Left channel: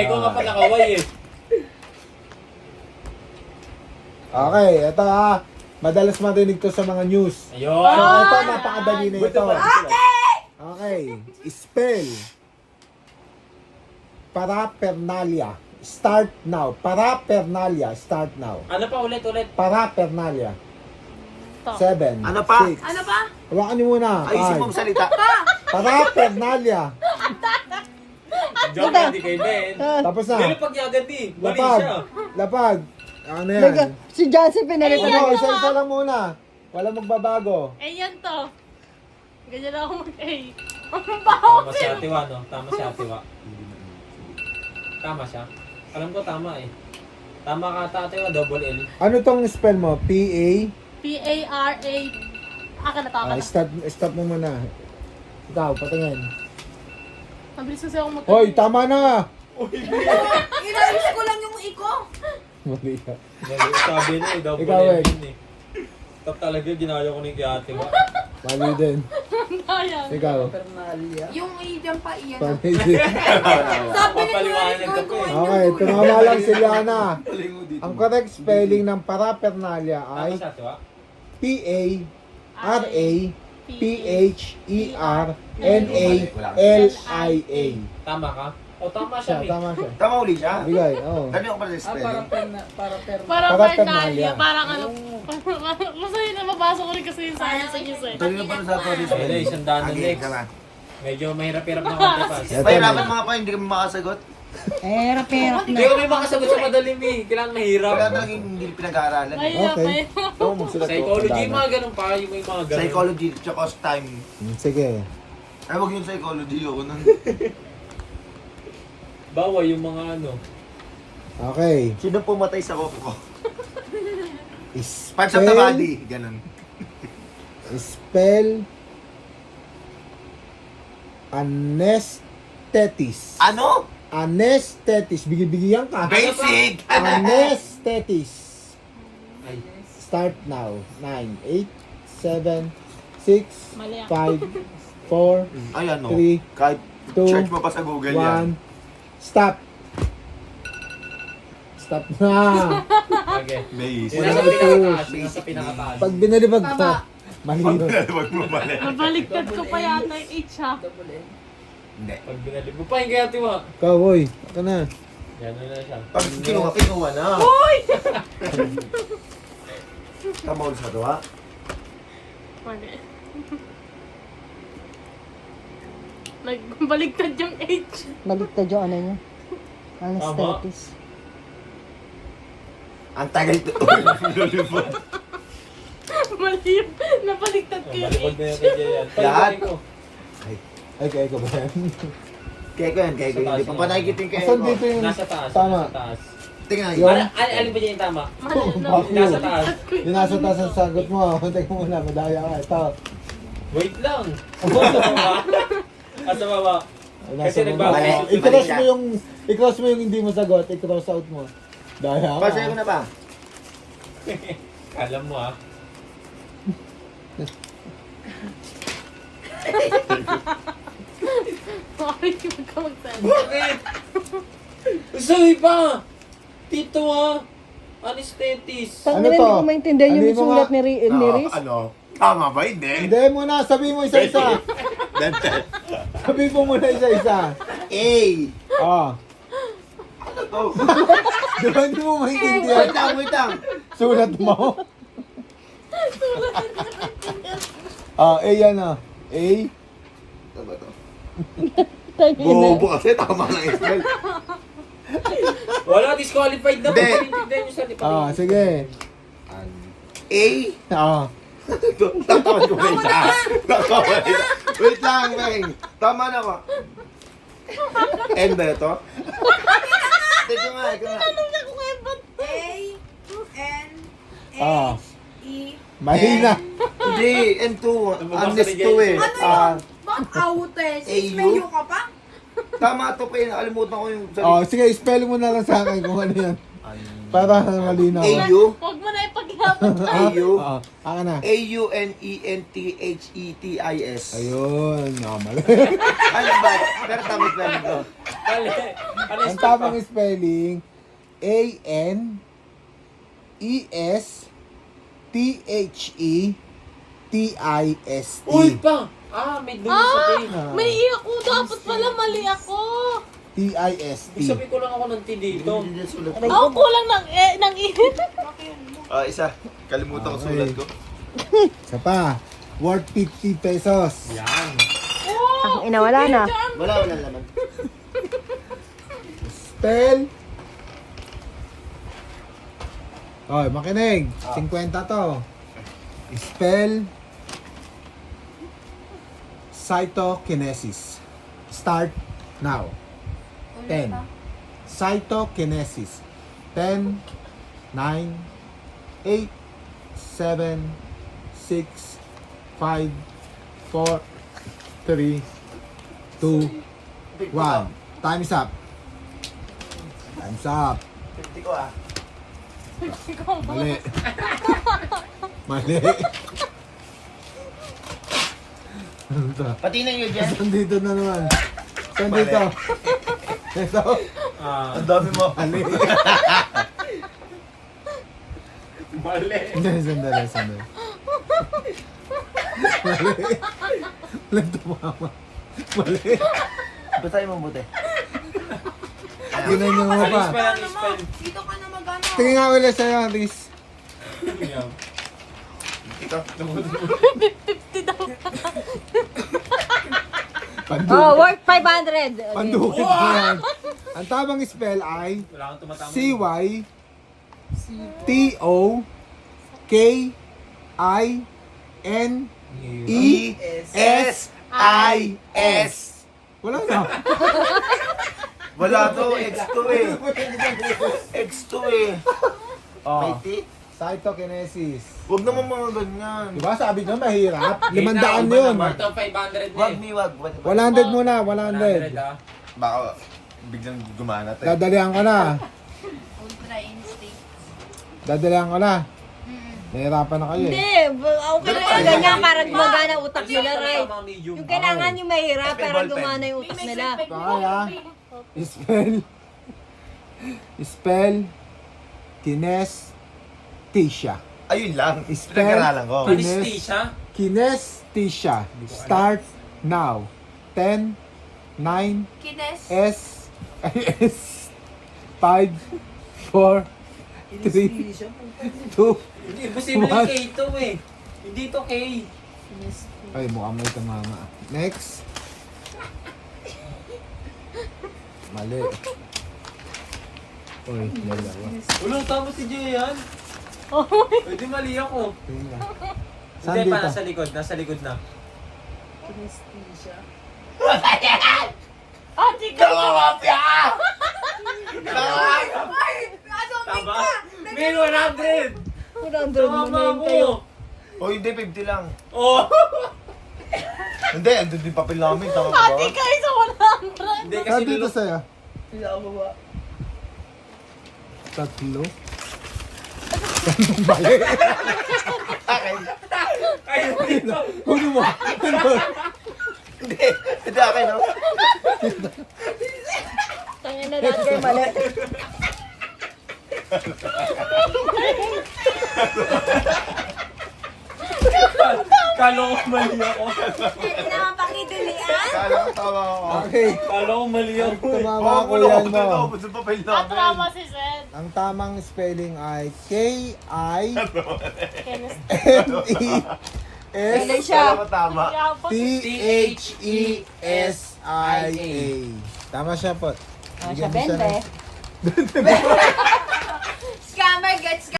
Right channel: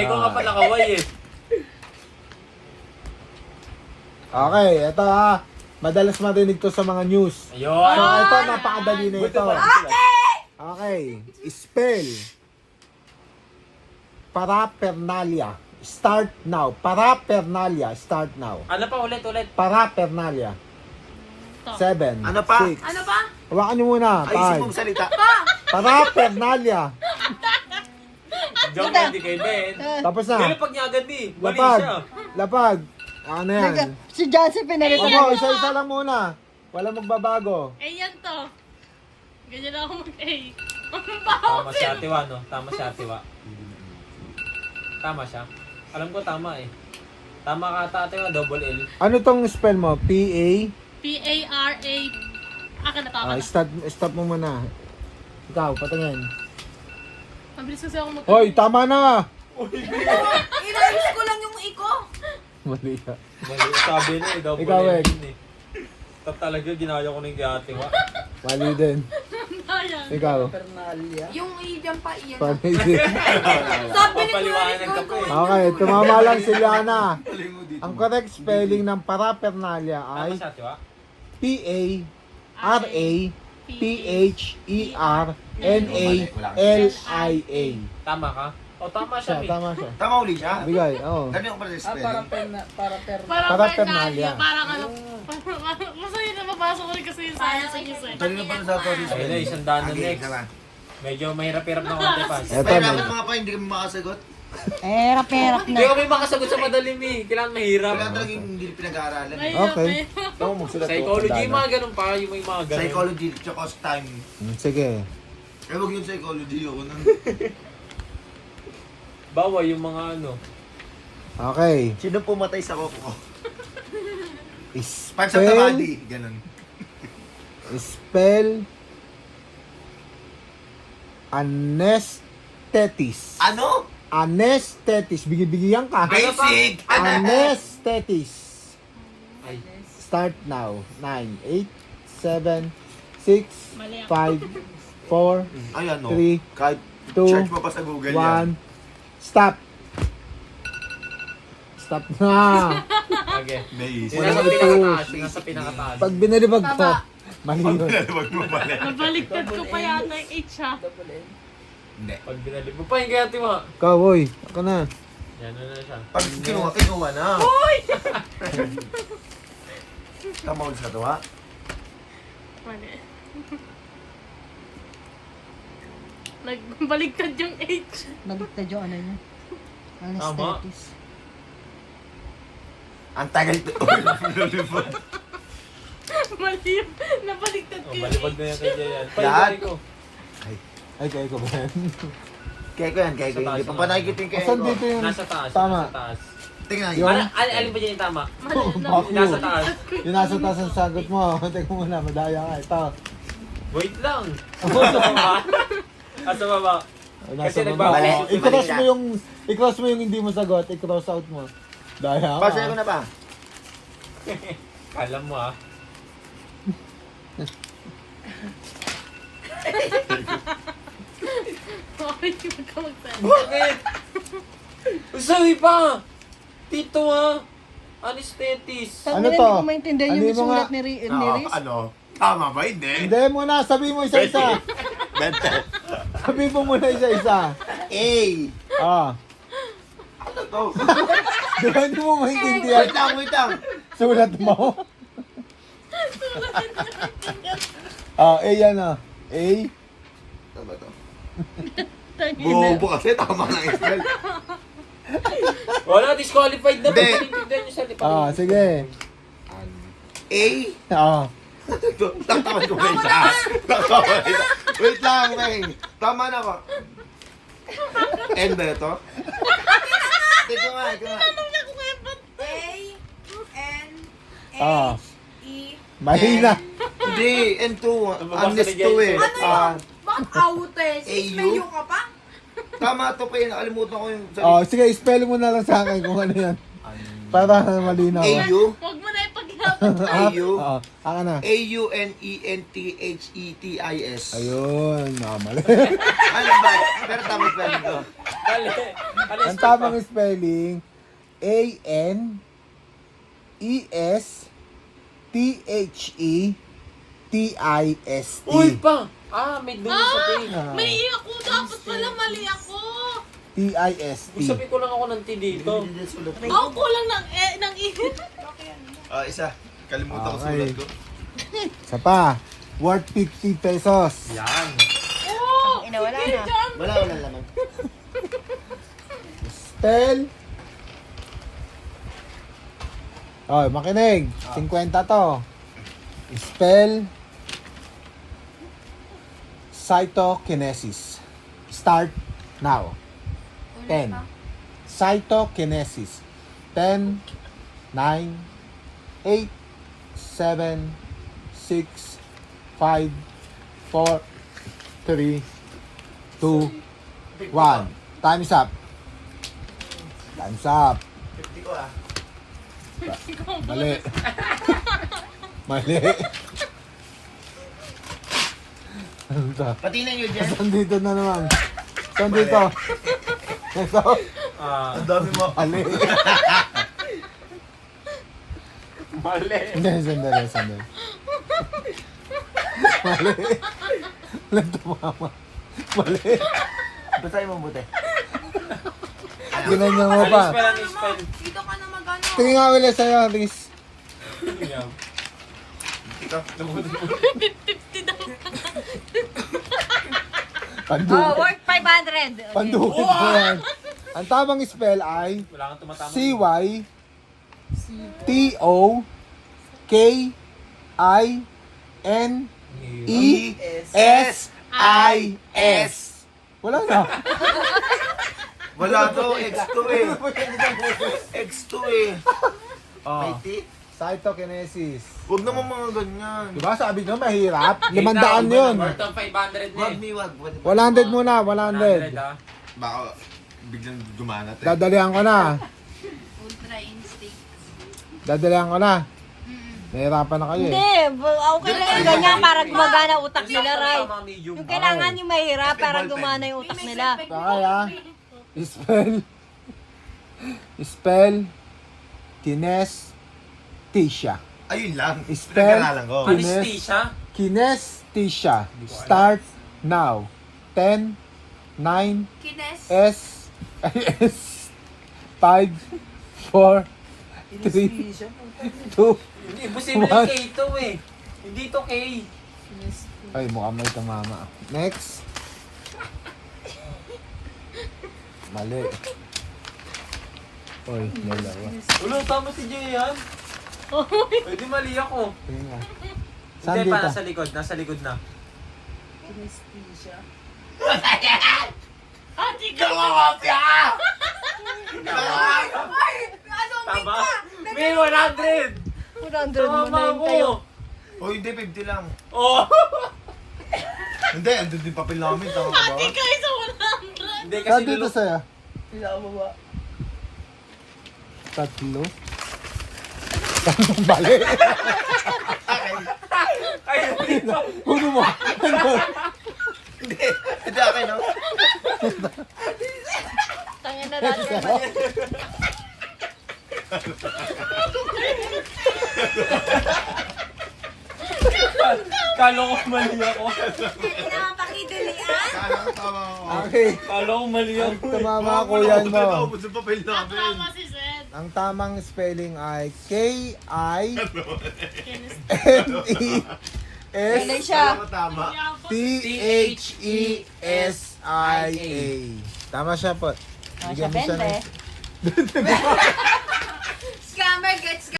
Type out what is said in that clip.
Ikaw nga pala kaway eh. Okay, ito ha. Madalas marinig to sa mga news. Ayun. So, ito, napakadali na ito. Okay, spell. Parapernalia. Start now. Parapernalia. Start now. Ano pa ulit? Parapernalia. Ito. 7. Ano pa? 6. Ano ba? Hawakan niyo muna. Ayusin mo 5. salita. Parapernalia. Joke hindi kay Ben. Tapos na. Pero pag niyagan di, mali Lapag. siya. Lapag. Ano yan? Si Johnson pinalit Ano, isa-isa lang muna. Walang magbabago. Eh, yan to. Ganyan ako mag-A. Ang baho Tama si Ate Wa, no? Tama si Ate Wa. Tama siya. Alam ko tama eh. Tama ka Ate Wa, double L. Ano tong spell mo? P-A? P-A-R-A. Aka na to, aka na. Stop mo muna. Ikaw, patingin. Mabilis kasi ako mag- Hoy, tama na! Inaisip ko lang yung iko. Mali ka. Mali, sabi niya eh, double Ikaw, L Weng. yun eh. Top talaga, ginaya ko na yung kay Ate Wa. Mali din. Ayan. Ikaw. Yung iyan pa iyan. Mali din. Sabi ni Papaliwanag ka pa eh. Okay, tumama lang si Liana. Ang correct spelling ng parapernalia Tama ay si Ate Wa? P-A-R-A-P-H-E-R-N-A-L-I-A. Tama ka? O tama siya Siya, eh. tama siya. Tama uli siya. Bigay, oo. Dami ako pala sa spelling. Parang Parapernalia. Pernalia. Parang ano. Masaya na mabasa ko rin kasi yung science sa news eh. Dali na pala sa pala Ayun eh, isang daan na Okay, next. tama. Medyo mahirap-hirap na konti pa. Eto Pahirapan na. mga pa, hindi ka makasagot. Perap Hindi na. ko may makasagot sa madalim eh. Kailangan mahirap. Wala talagang hindi pinag-aaralan. Mahirap Okay. eh. Ito, magsulat ko. Psychology, Tandaan mga ganun pa. Yung may mga ganun. Psychology, tsaka time. Sige. Ay, wag yung psychology ako nun. Bawa yung mga ano. Okay. Sino pumatay sa koko ko? Parts of the Spell. body. Ganun. Spell. Anesthetis. Ano? Anesthetis. Bigyan ka. Basic! Anesthetis. Ay. Start now. 9, 8, 7, 6, Mali ako. 5, 4, Ay, ano? 3, Kahit 2, search mo pa sa Google yan. 1. Stop. Stop na. Okay. Basic. Yung nasa pinakataas. Yung nasa pinakataas. Pag binalibag ka, Tama. mali Pag yun. pinalabag mo pala. Mabaliktad ko pa yata yung H ha. Hindi. Pag binalib mo pa yung kaya Ate Wa. Ikaw, boy. Ako na. Yan na siya. Pag kinuha na. Uy! Tama ulit sa to, ha? Mali. Nagbaliktad yung H. Baligtad yung ano niya. Anesthetis. Ang tagal ito. Lulubog. Mali yung nabaliktad ko yung Malibag H. na yung kay Jayan. Lahat. Ko. Ay, kaya ko ba yan? Kaya ko yan, kaya ko. Hindi pa pa nakikita yung kaya Asan ko. dito yung Nasa taas. tama? Nasa taas. Tingnan Yung- nyo. Alin ba dyan yung tama? Mali na. Fuck you. Nasa taas. Yung nasa taas ang sagot mo. Teka muna, madaya ka. Ito. Wait lang. Asa baba? Asa baba? Ay, Kasi nasa baba. Mali. I-cross Mali mo yung i-cross mo yung hindi mo sagot, i-cross out mo. Daya ka. Pasaya ko na ba? Kala mo ah. Bakit yung ka magsabi? Bakit? Sabi pa! Tito ah! Anesthetis! Ano Ano to? to? Maintindihan yung Ano yung sulat mga- ni Riz? Ano? Tama ba? Hindi. Hindi mo na, sabihin mo isa-isa. Sabihin mo muna isa-isa. A. Ah. Ano to? Di ba hindi mo maintindihan? Wait lang, wait lang. Sulat mo. A yan ah. A. Ano ba to? Tangina. Bobo kasi, tama lang yung spell. Wala, disqualified na. Hindi. Pagpapinigdan nyo sa lipa. Ah, sige. A. Ah. Tatawa ko ba isa? Tatawa isa. Wait lang, Meng. Tama na ko. N ba ito? Ito nga, ito nga. Ah. A-N-H-E. Mali na. Hindi, N2. Nababasa Honest ni to Jay. eh. Bakit aute? AU? Mayo ka pa? Tama to pa yun. Nakalimutan ko yung Oh, sige, spell mo na lang sa akin kung ano yan. Para malinaw. AU? Huwag mo na ipag A-U. Oo. Aka na. A-U-N-E-N-T-H-E-T-I-S. Ayun. Nakamali. Ano ba? Pero tamit pa rin ko. Mali. Ang tamang spelling, A-N-E-S-T-H-E-T-I-S-T. Uy pa! May dumi sa T. May i ako. Dapat pala mali ako. T-I-S-T. Sabi ko lang ako ng T dito. Ako kulang ng init. Isa. Kalimutan ko Okay. sulat ko. Isa pa. Worth 50 pesos. Yan. Ina, wala na. Wala naman. Spell. Oy, makinig. 50 to. Spell. Cytokinesis. Start now. 10. Cytokinesis. 10, 9, 8, 7, 6, 5, 4, 3, 2, 1. Time's up. Time's up. 50 ko ah. Mali. Mali. Ano to? Pati na yun dyan. Saan dito na naman? Saan dito? Ito? Ang dami mo. Mali. Mali. Hindi, sandali. Mali. Mali tumama. Mali. Basahin mo buti. Ginanyan mo pa. Alis pa lang spell. Dito ka na magano. Tingin nga ulit sa'yo, Riz. Yan. Ito. 50 daw. Oh, worth 500. Pandukit mo yan. Ang tamang spell ay Wala kang tumatama. C-Y-T-O-K-I-N-E-S-I-S. Wala na. Wala to. X2 eh. X2 eh. Oh. May T? Cytokinesis. Huwag naman mga ganyan. Diba sabi nyo mahirap? 500 yun. Worth of 500 na Wag eh. mi wag. 100 muna, 100 100. ah. Baka biglang gumana tayo. Dadalihan ko na. Ultra instinct. Dadalihan ko na. Nahirapan na kayo Hindi, eh. okay lang ganyan para gumagana utak nila, right? Tama, medium. Yung kailangan yung mahirap para gumana yung utak nila. Kaya. Spell. Kinesthesia. Ayun lang. Spell. Pinag-aralan ko. Anesthesia? Kinesthesia. Start now. 10, 9, Kines. S, 5, 4, 3, 2, Hindi, imposible What? K ito eh. Hindi ito K. ay mukhang may tumama. Next. Mali. Uy, dalawa. Ulo, tama si Jay yan. Pwede mali ako. Tingin nga. Saan Hindi pa, dito? nasa likod. Nasa likod na. Ate ka! Tama? May 100! Tama mo! O hindi, 50 lang. Oh! Hindi, andun din papel namin. Tama ka Ate ba? ka isa 100! Hindi kasi Saan dito sa'yo? Tatlo? Mali. Ay, dito! Puno mo. Hindi, hindi akin, no? Tangin na natin, mali. Kala ko mali ako. Hindi naman pakidali ah. Kala ko tama ako. Okay. Kala ko mali ako. Tumama ako yan mo. Naubos yung papel namin. Natrama si Seth. Ang tamang spelling ay K-I-N-E-S Kala ko tama. T-H-E-S-I-A. Tama siya po. Siya, 20. Scammer gets